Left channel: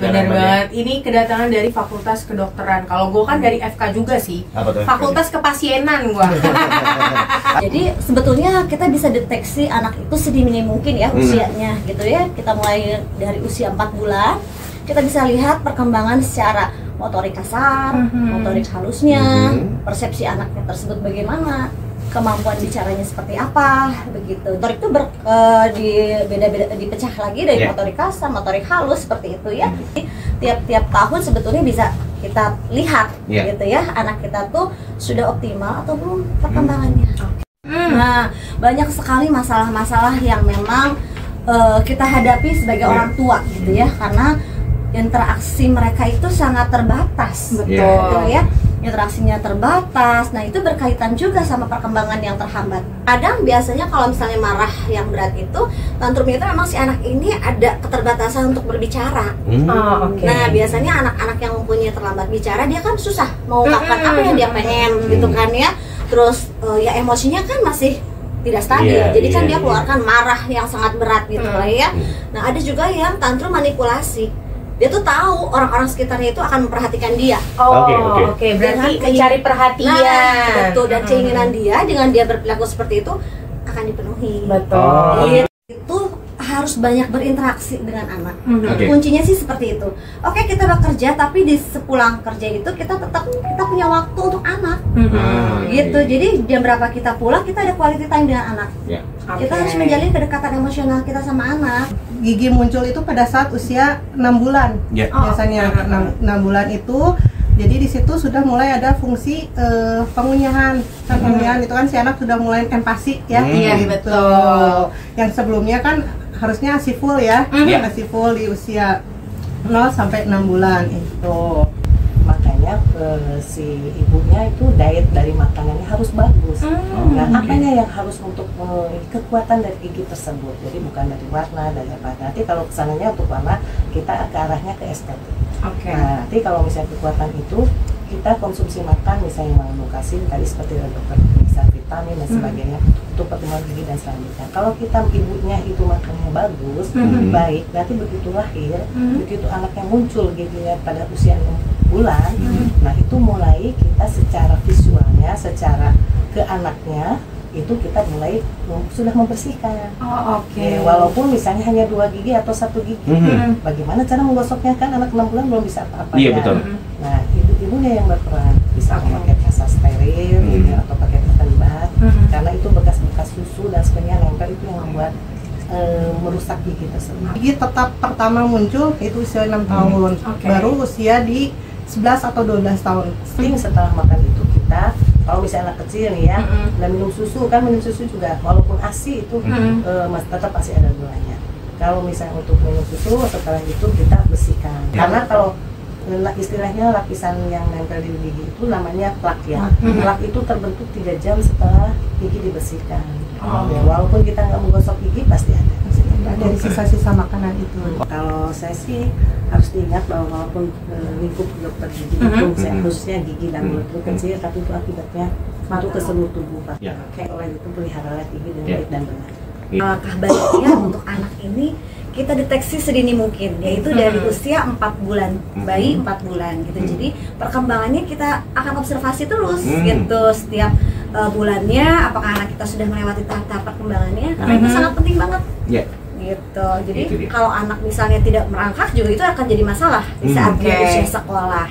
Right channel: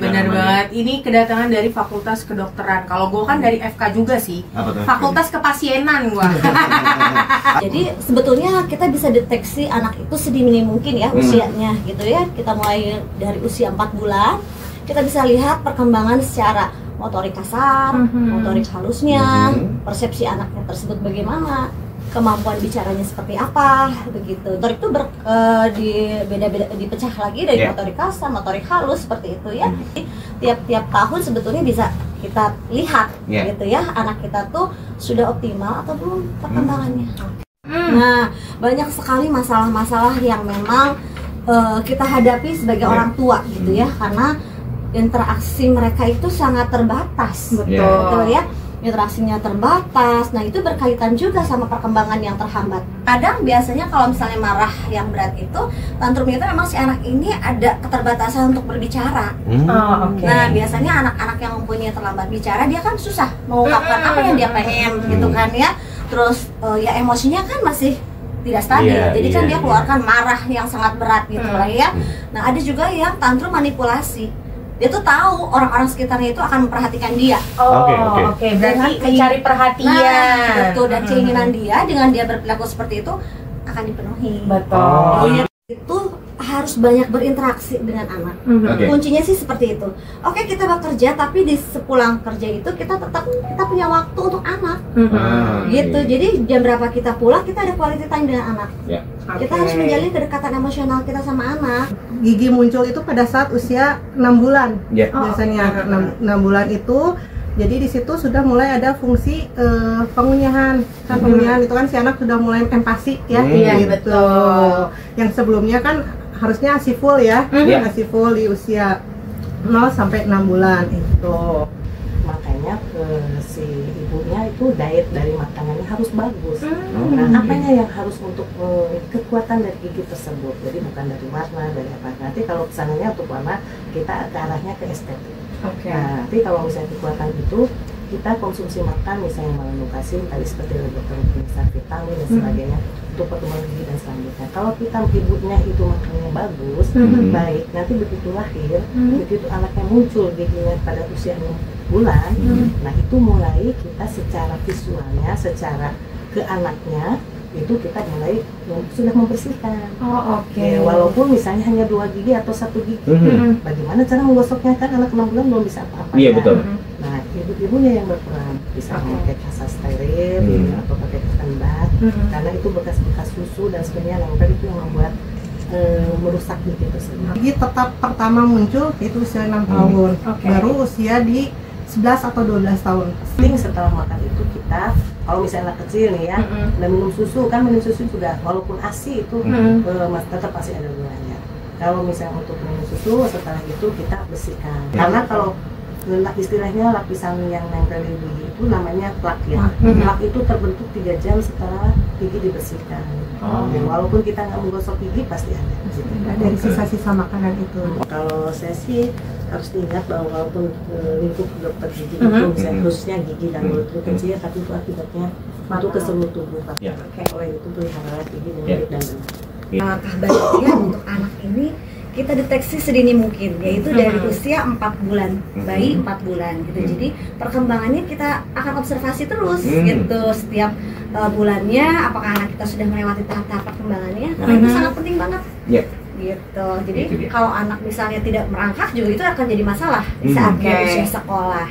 Benar banget. Ini kedatangan dari Fakultas Kedokteran. Kalau gue kan dari FK juga sih. Fakultas Kepasienan gue. Jadi sebetulnya kita bisa deteksi anak itu sedini mungkin ya usianya gitu ya. Kita mulai dari usia 4 bulan, kita bisa lihat perkembangan secara motorik kasar, motorik halusnya, persepsi anaknya tersebut bagaimana, kemampuan bicaranya seperti apa, begitu. Motorik itu beda-beda, dipecah lagi dari motorik kasar, motorik halus seperti itu ya. Tiap-tiap tahun sebetulnya bisa kita lihat gitu ya, anak kita tuh sudah optimal atau belum perkembangannya. Nah, banyak sekali masalah-masalah yang memang kita hadapi sebagai orang tua gitu ya, karena interaksi mereka itu sangat terbatas. Betul ya. Interaksinya terbatas, nah itu berkaitan juga sama perkembangan yang terhambat. Kadang biasanya kalau misalnya marah yang berat itu, tantrum itu memang si anak ini ada keterbatasan untuk berbicara. Nah biasanya anak-anak yang mempunyai terlambat bicara, dia kan susah mengungkapkan apa yang dia pengen gitu kan ya. Terus ya emosinya kan masih tidak stabil, jadi kan dia keluarkan marah yang sangat berat gitu lah ya. Nah ada juga yang tantrum manipulasi. Dia tuh tahu orang-orang sekitarnya itu akan memperhatikan dia. Oke. Berarti mencari perhatian. Nah, betul. Dan keinginan dia dengan dia berperilaku seperti itu akan dipenuhi. Betul. Itu harus banyak berinteraksi dengan anak. Kuncinya sih seperti itu. Oke, kita bekerja, tapi di sepulang kerja itu kita punya waktu untuk anak. Gitu. Jadi jam berapa kita pulang, kita ada quality time dengan anak. Kita harus menjalin kedekatan emosional kita sama anak. Gigi muncul itu pada saat usia 6 bulan. Biasanya 6 bulan itu, jadi di situ sudah mulai ada fungsi pengunyahan. Kan pengunyahan itu kan si anak sudah mulai empati ya. Betul. Yang sebelumnya kan harusnya ASI full ya. ASI full di usia 0 sampai 6 bulan itu. Makanya si ibunya itu diet dari makanannya harus bagus. Nah, apanya yang harus untuk kekuatan dari gigi tersebut? Jadi bukan dari warna, dari apa. Nanti kalau kesananya untuk warna, kita ke arahnya ke estetik. Nah, nanti kalau misalnya kekuatan itu, kita konsumsi makan misalnya malnutrisi tadi seperti dokter misal vitamin dan sebagainya untuk pertumbuhan gigi dan selanjutnya. Kalau kita ibunya itu makannya bagus, baik, nanti begitu lahir, begitu anaknya muncul giginya pada usia 6 bulan, nah itu mulai kita secara visualnya, secara ke anaknya itu kita mulai sudah membersihkan. Walaupun misalnya hanya 2 gigi atau 1 gigi, bagaimana cara menggosoknya, kan anak 6 bulan belum bisa apa-apa. Betul. Nah, ibu-ibunya yang berperan, bisa memakai kasa steril gitu, atau pakai cotton bud, karena itu bekas-bekas susu dan sebagainya nempel, itu yang membuat merusak gigi tersebut. Gigi tetap pertama muncul itu usia 6 tahun, baru usia di 11 atau 12 tahun. Setelah makan itu kita, kalau misalnya anak kecil nih ya, dan minum susu juga, walaupun ASI itu tetap pasti ada gulanya. Kalau misalnya untuk minum susu, setelah itu kita bersihkan. Karena kalau istilahnya lapisan yang nempel di gigi itu namanya plak ya. Plak itu terbentuk 3 jam setelah gigi dibersihkan. Ya, walaupun kita nggak menggosok gigi pasti ada. Dari sisa-sisa makanan itu. Kalau saya sih harus diingat bahwa walaupun lingkup dokter gigi itu khususnya gigi dan mulut itu kecil, tapi itu akibatnya untuk ke seluruh tubuh. Oleh itu pelihara gigi dengan baik dan benar. Langkah baiknya untuk anak ini kita deteksi sedini mungkin, yaitu dari usia 4 bulan, bayi 4 bulan gitu. Jadi perkembangannya kita akan observasi terus gitu setiap bulannya, apakah anak kita sudah melewati tahap-tahap perkembangannya, karena itu sangat penting banget. Gitu. Jadi kalau anak misalnya tidak merangkak juga itu akan jadi masalah di saat dia usia sekolah.